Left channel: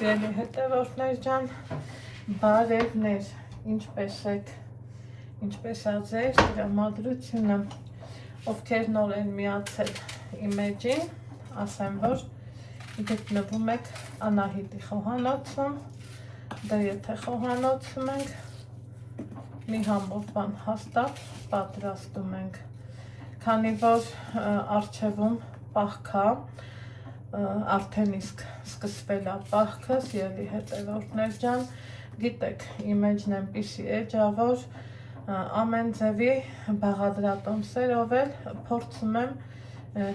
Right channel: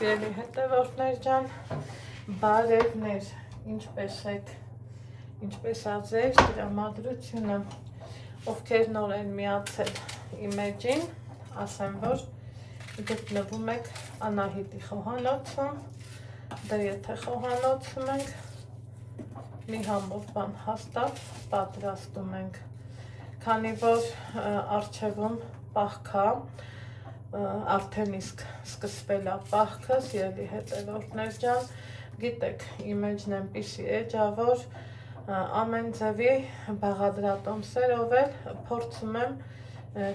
Սիրելի հետևորդներ ջան, բարևներ, ինչպես եք, ինչպես ածես տրամադրությունը, ովքեր նոր են միացել իմ էջին, ասեմ, որ գտնվում եք Անահիտի խոհանոցում, դե եթե խոհանոցում ենք, մի համով բան հաստատ պատրաստում ենք, քանի որ առջևում պահքա, արդեն իսկ սկսվել է պահքը, սիրելի հետևորդներ ջան, գիտեք, իմ էջն այնպիսի էջ ա, որ ամեն ձևի բաղադրատոմսերով էլ փորձում եմ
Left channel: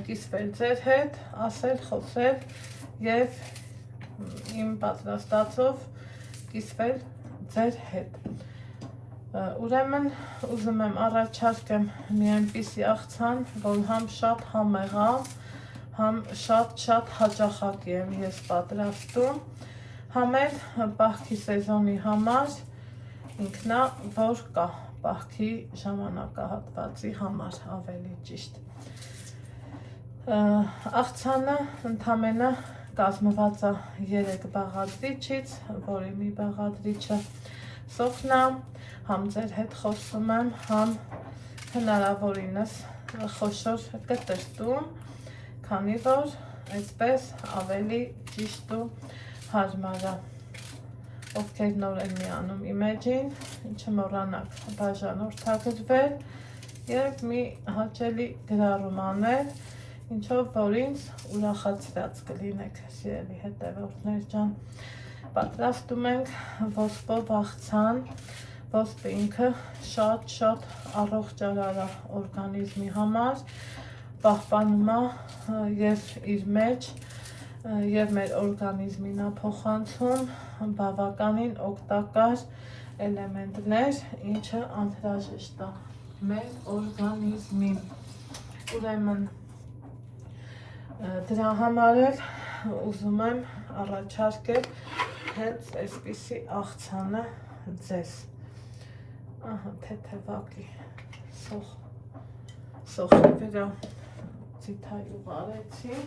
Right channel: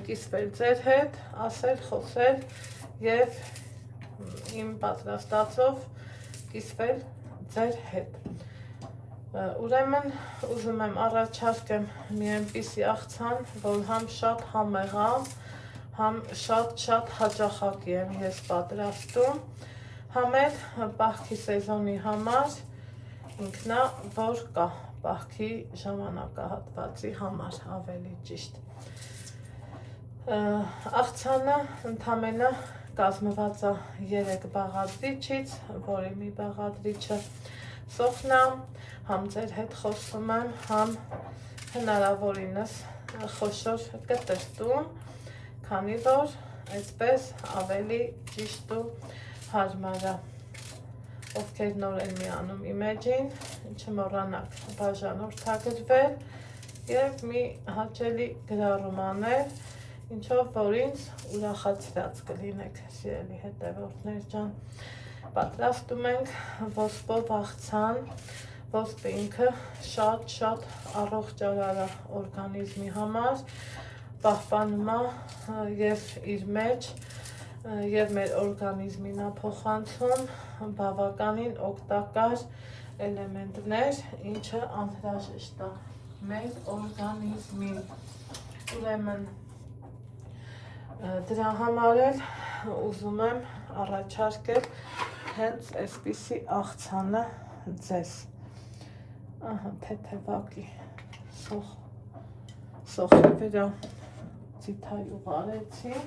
կիսվել ձեր հետ, ասել, խոսել եւ իմ պատրաստածով կիսվել ձեր հետ։ Ուրեմն ուզում եմ առաջարկեմ մի այնպիսի աղցան, որ համ շատ համեղ է, համ շատ հաճախակի եմ ես պատրաստում, համ էլ պահքի սեզոնի համար ինքնա որ կա, պահքի ժամանակահատվածի համար ավելի ճիշտ։ Աղցանը ընդամենը կազմված է 3 բաղադրիչից, որի մի բաղադրիչը սոխն է, համ ձեր հետ խոսում եմ, համ հնարավորինս խոշոր կտրտում, քանի որ այսպես ավելի ճիշտ ու հարմար է։ Ովքեր նոր են միանում իմ էջին, չմոռանաք բաժանորդագրվել եւ մի հաճելի գրառում անել, ինչով որ ինձ ուրախացրած կլինեք, սիրելի հետևորդներ ջան։ Պատրաստում ենք ոսպով աղցան, ոսպը ինքը շատ առողջարար է օրգանիզմի համար, պահպանում է եւ իր մեջ եւ մեր օրգանիզմին է փոխանցում բավականին օգտակար էլեմենտներ, ինչը անհրաժեշտ է մեր օրգանիզմին։ Ուրեմն դրա համար էլ ուզում եմ առաջարկել հենց այսպիսի աղցանը ձեզ։ Ահա թեթևակի սոխի վրա ձիթայ ուղարեցի,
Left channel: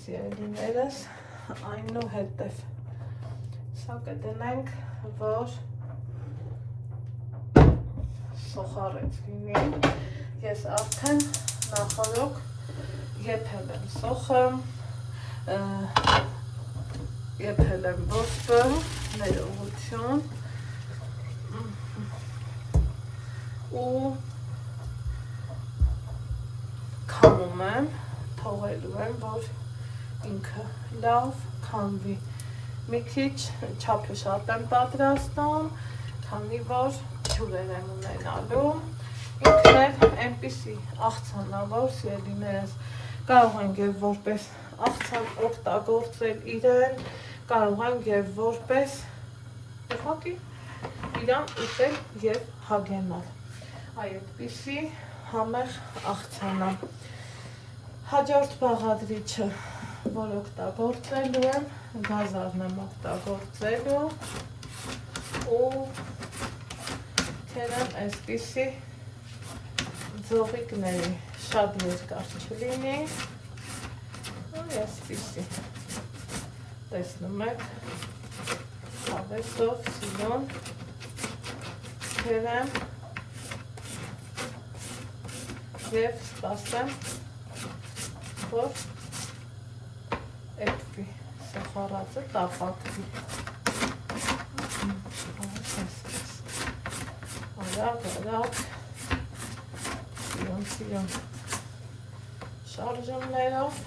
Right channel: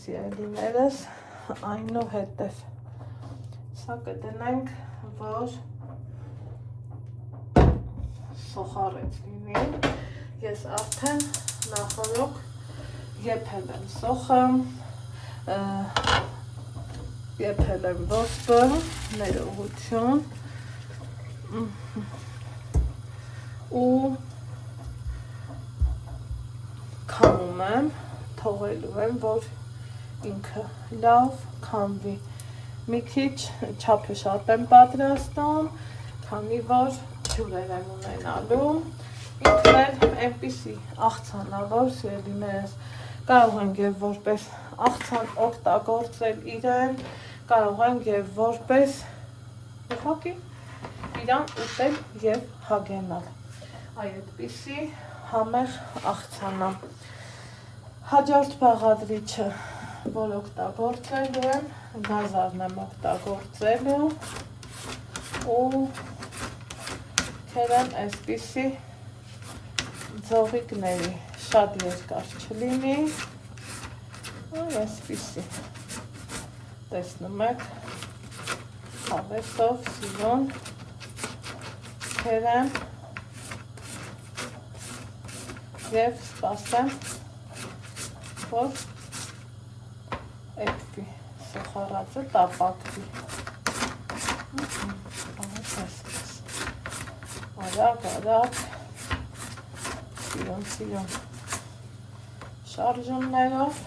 սիրելիներս, այնուհետև սա կդնենք, որ սոխարեց լինի, ես արդեն նախորոք եփել եմ սոխը, եփել եմ ոսպը, ներողություն ու քամում եմ, թողելու եմ, որ ինքը լավ քամվի։ Մի քիչ չափը շատ եմ պատրաստում, քանի որ ջուրեր եմ ունենալու։ Ինքն էլ այնպիսի աղցան է, որ սիրելիներս կարող ենք եւ որպես աղցան օգտագործել իրեն, կարող ենք եւ որպես ուղղակի իրան ուտել եւ հագենալ։ Այ այդպիսի համեղ աղցան է։ Հաջորդ բաղադրիչը, որ օգտագործելու եմ, գազարն եմ օգտագործելու ու թերեմ այսպիսի ձողիկների, շատ երկար չլինի, այսպիսի, տեսնում եք, հավեսով, սիրուն, թերեմ և սպասեմ, որ այդպի սոխարածը տապակվի։ Արագ, սիրուն շարժումներով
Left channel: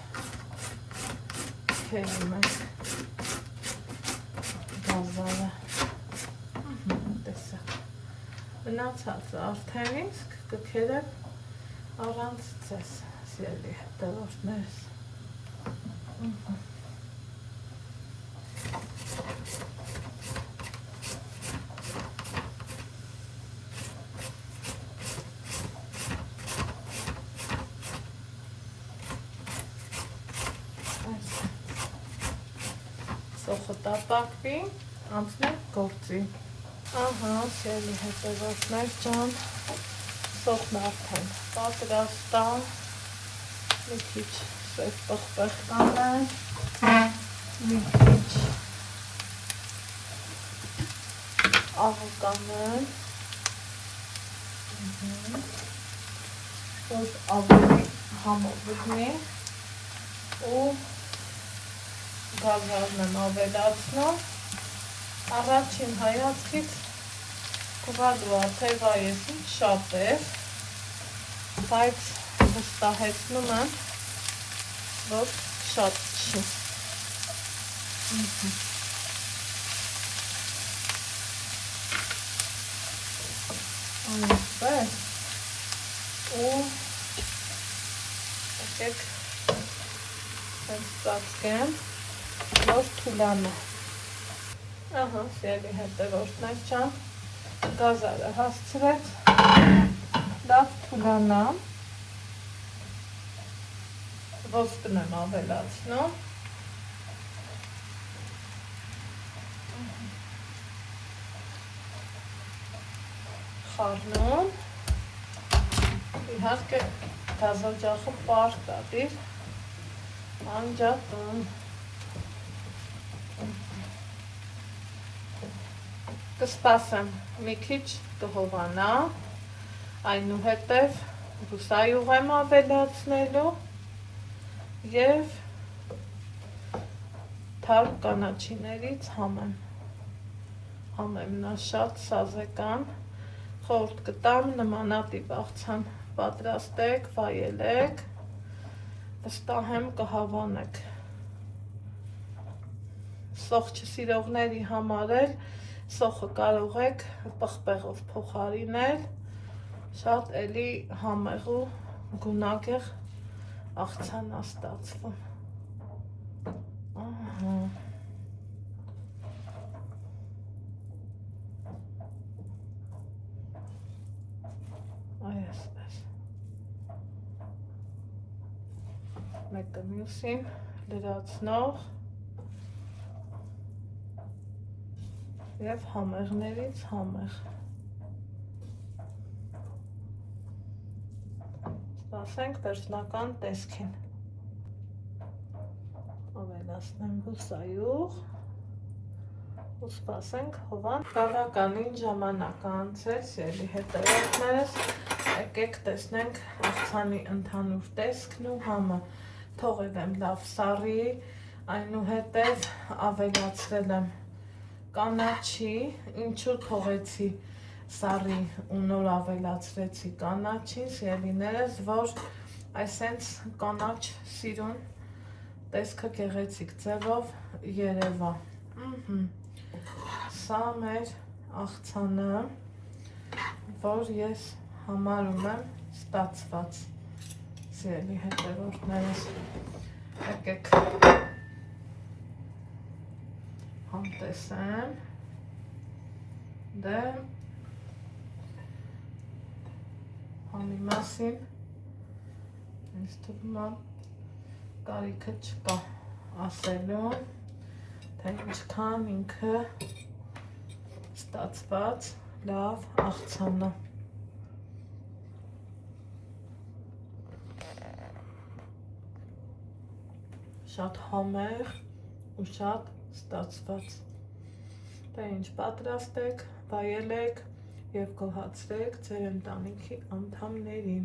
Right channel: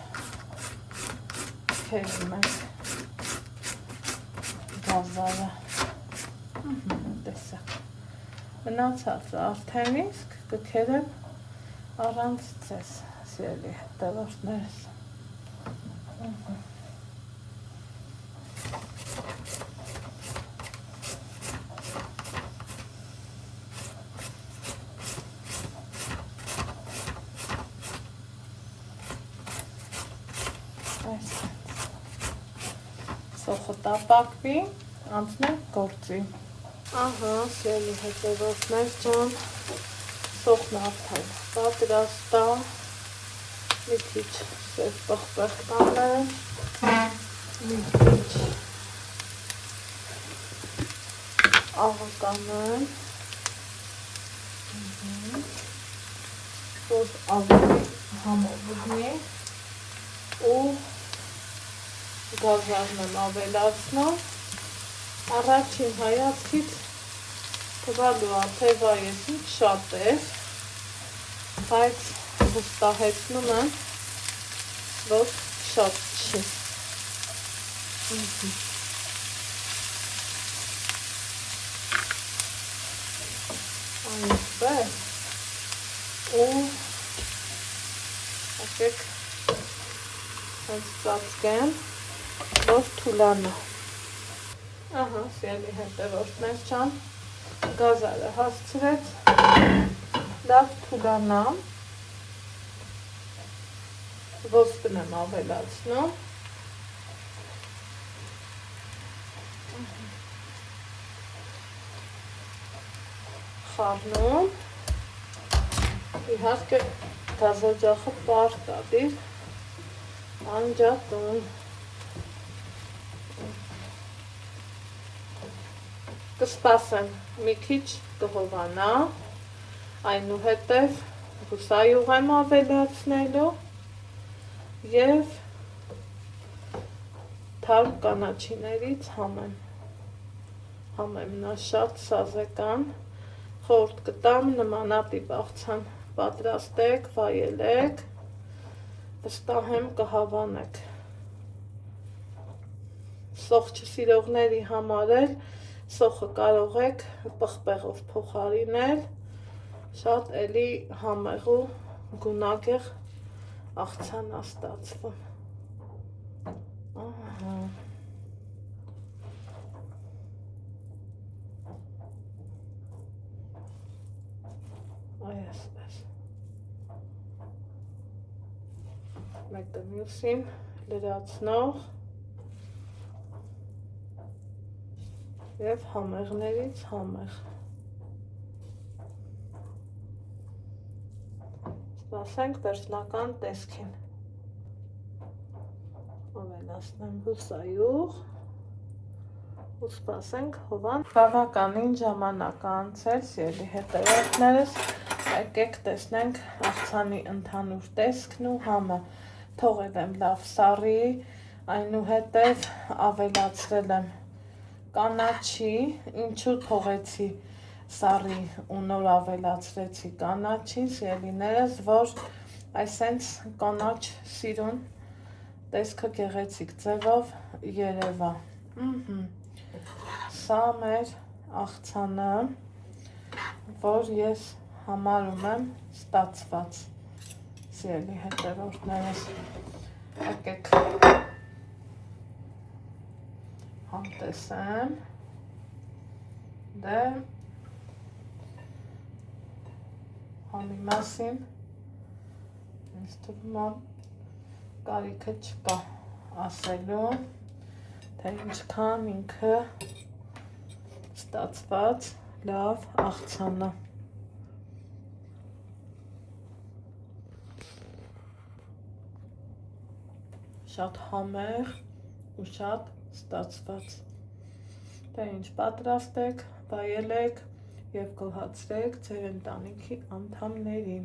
թենում ենք գազարը։ Տեսակ, մնացածը արդեն իսկ կքերեմ առանց ձեզ, սիրելի հետևորդներս։ Սոխը տապակվի, անցնենք գործի։ Ահա, սիրելի հետևորդներ ջան, սոխն արդեն պատրաստ է, մի քիչ պղպեղ տանենք, մի քիչ աղականներ, որ ավելի համովգնի ու գազարն եմ ավելացնում, առաջին հայացքից թվալու աթևա եսին շատ էր, բայց վստահեցնում եմ, որ շատ չի։ Այնպես, ու եկեք ծածկեմ, որ թուլանա։ Ահա, սիրելի հետևորդներ ջան, գազարը հասցրեց, լավ թուլանա, ոսկն եմ ավելացնում, խառնում, իհարկե գազօջախը պարտ ա դիր, անջատում, կսպասեմ մի քիչ կհովանա, այնուհետև բուսայուղ եմ ավելացնելու և թարմ կանաչիներից համեմ նա շատ սազեկան, խորհուրդ կտամ նմանատիպ աղցան պատրաստեք, վայելեք, վստահ եմ կհավանեք։ Սոխ չսիրողների համար էլ սոխը կարող եք պղպեղով փոխարինել, շատ էլի համեղ ու գունագեղ աղցան ա ստացվում։ Այսպես, մեկը մյուսին լրացնող և համեղներից համեղ։ Սպասենք վերջնական տեսքին։ Ավելացնեմ բուսայուղ ու սպասենք հովան։ Բավականին ժամանակ անցել, սիրելի հետևորդներս, եկեք տեսնենք աղցանի ընդհանուր տեսքն ու համը։ Թողել եմ լավ սառի, այնուհետև ավելացրել եմ կանաչի, ինչու թողեցի սառի ու նոր ավելացրեցի կանաչի, սիրելիներս, որ այսենց կանաչ սիրուն տեսքը գեղեցիկ ձևով երևա։ Սա մեր աղցանը, որ ես համարում եմ ստացված, սիրելի հետևորդներս, եկեք համտեսեմ, դե համի մասին ինձ թվում է կարիքը չկա ասելու, թե ինչքան ինքը ստացված լավ աղցանը։ Շատ համեղ ու շատ ստացված։ Դե ինչ պատրաստեք, վայելեք և գոհացրեք ձեր ընտանիքի անդամներին։